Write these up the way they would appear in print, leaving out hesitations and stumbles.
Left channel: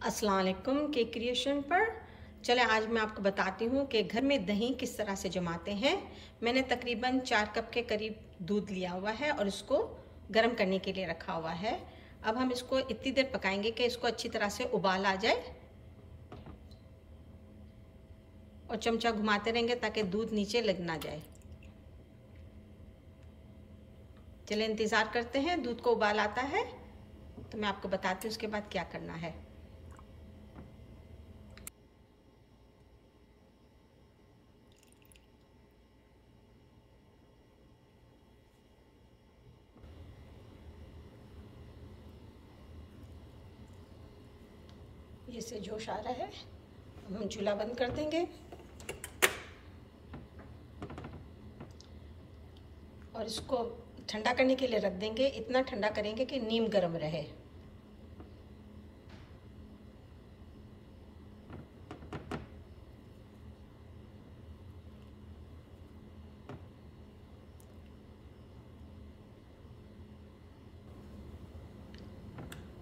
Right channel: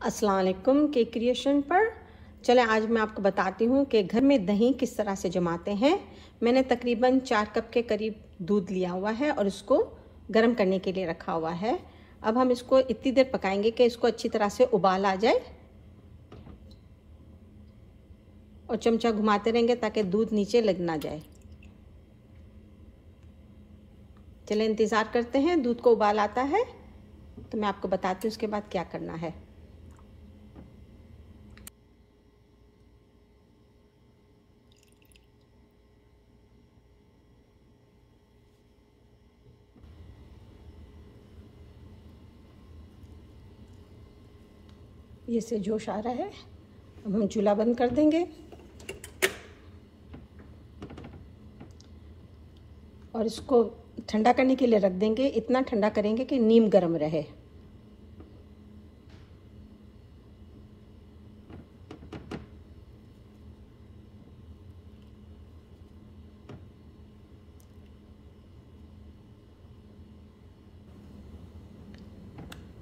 अस्सलाम वालेकुम cake creation पर। चले आज मैं आपको बताती हूँ कि घर में दही किस तरह से जमाते हैं। मैंने तकरीबन 4 कप के करीब दूध लिया हुआ है और इसको गर्म करने के लिए रखा हुआ है। अब हम इसको इतनी देर पकाएंगे कि इसको अच्छी तरह से उबाल आ जाए और चमचा घुमाते रहेंगे ताकि दूध नीचे लग ना जाए। चले इंतज़ार करते हैं, दूध को उबाल आता है तो मैं आपको बताती हूँ उसके बाद क्या करना है। ये से जोश आ रहा है, अब हम चूल्हा बंद कर देंगे और इसको ठंडा करने के लिए रख देंगे। इतना ठंडा करेंगे कि नीम गर्म रहे।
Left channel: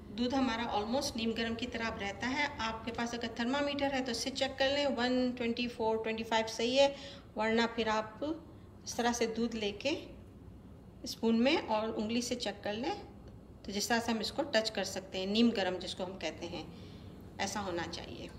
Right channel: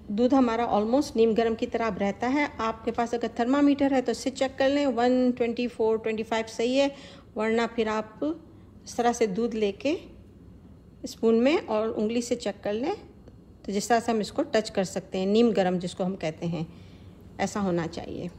दूध हमारा ऑलमोस्ट नीम गर्म की तरह अब रहता है। आपके पास अगर थर्मामीटर है तो इससे चेक कर लें, 124-25 सही है, वरना फिर आप इस तरह से दूध लेके स्पून में और उंगली से चेक कर लें तो जिस तरह से हम इसको टच कर सकते हैं, नीम गर्म जिसको हम कहते हैं, ऐसा होना चाहिए।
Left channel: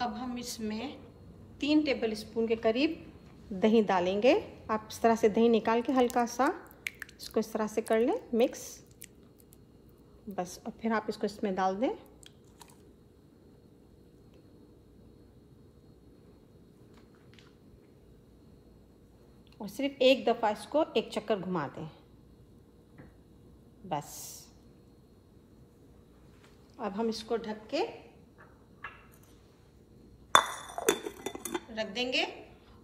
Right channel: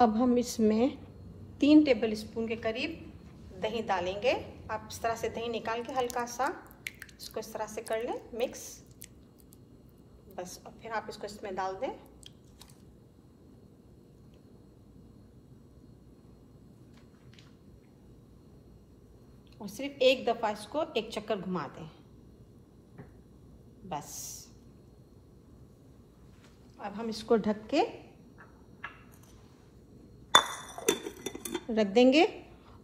अब हम इसमें 3 टेबल स्पून के करीब दही डालेंगे। आप इस तरह से दही निकाल के हल्का सा इसको इस तरह से कर लें मिक्स, बस। और फिर आप इसको इसमें डाल दें और सिर्फ एक दफ़ा इसको एक चक्कर घुमा दें, बस। अब हम इसको ढक के रख देंगे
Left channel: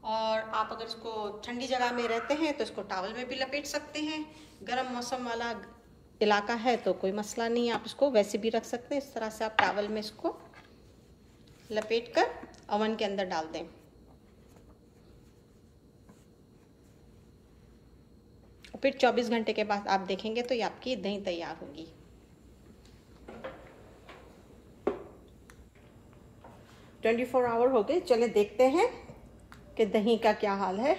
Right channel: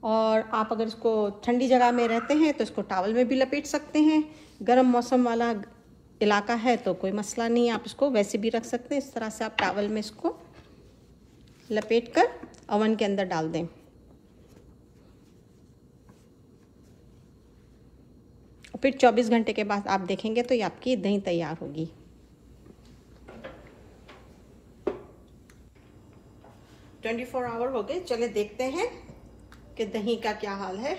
और आप अगर इसको ठंडी जगह में रहते हैं तो इसको टॉवल में भी लपेट सकते हैं। गर्म मौसम वाला इलाका है तो कोई मसला नहीं, आप इसको वैसे भी रख सकते हैं। इस तरह से आप टॉवल में इसको लपेट कर ओवन के अंदर डाल दें और फिर 24 घंटे के बाद आप देखेंगे तो ये आपकी दही तैयार होगी। ट्वेंटी 24 आवर हो गए। चले देखते हैं कि दही का क्या हाल है।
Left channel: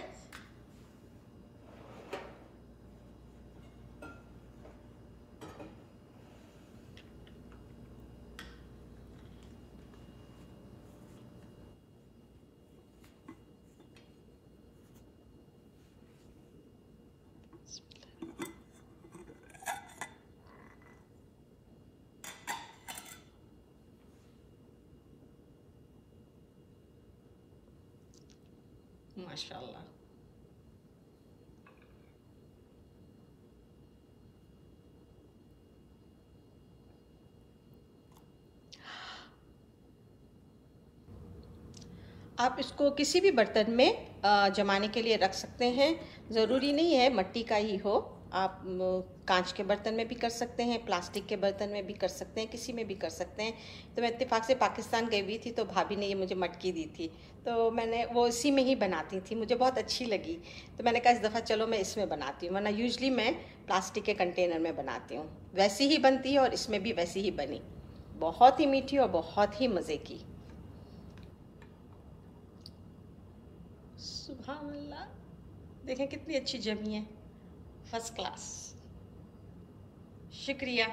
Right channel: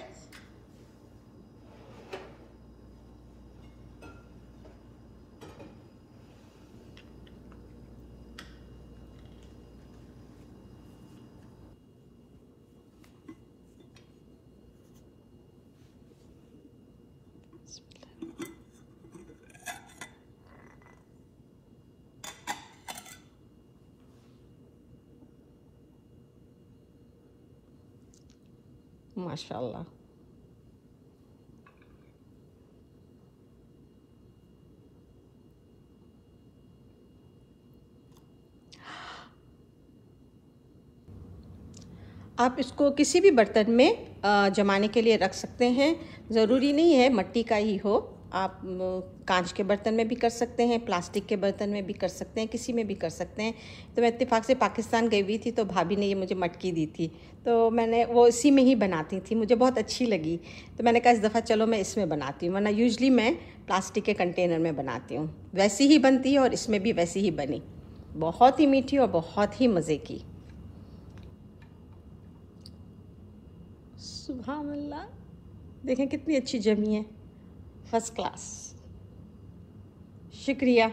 माशाल्लाह, आप इसको किसी भी बर्तन में जमाने के लिए रख सकते हैं। ज़रूरी नहीं है मट्टी का ही हो, आप कांच के बर्तन में भी कर सकते हैं, प्लास्टिक के बर्तन में भी कर सकते हैं, किसी में भी कर सकते हैं। तो मैं इत्तेफाक से पाकिस्तान गई हुई थी तो भाभी ने ये मुझे मटकी दी थी, तो मैंने वो इसी में ही बनाती थी, मुझे बहुत अच्छी लगी। तो मैंने कहा इस दफ़ा चलो मैं इसमें बनाती हूँ, वरना यूजली मैं प्लास्टिक के कंटेनर में बनाती हूँ। वैसी ही बनती है और इसमें भी वैसी ही बनी, बहुत ही मीठी और बहुत ही मज़े की। सुभान अल्लाह, देखें कितनी अच्छी जमी है, फर्स्ट क्लास। शुक्रिया।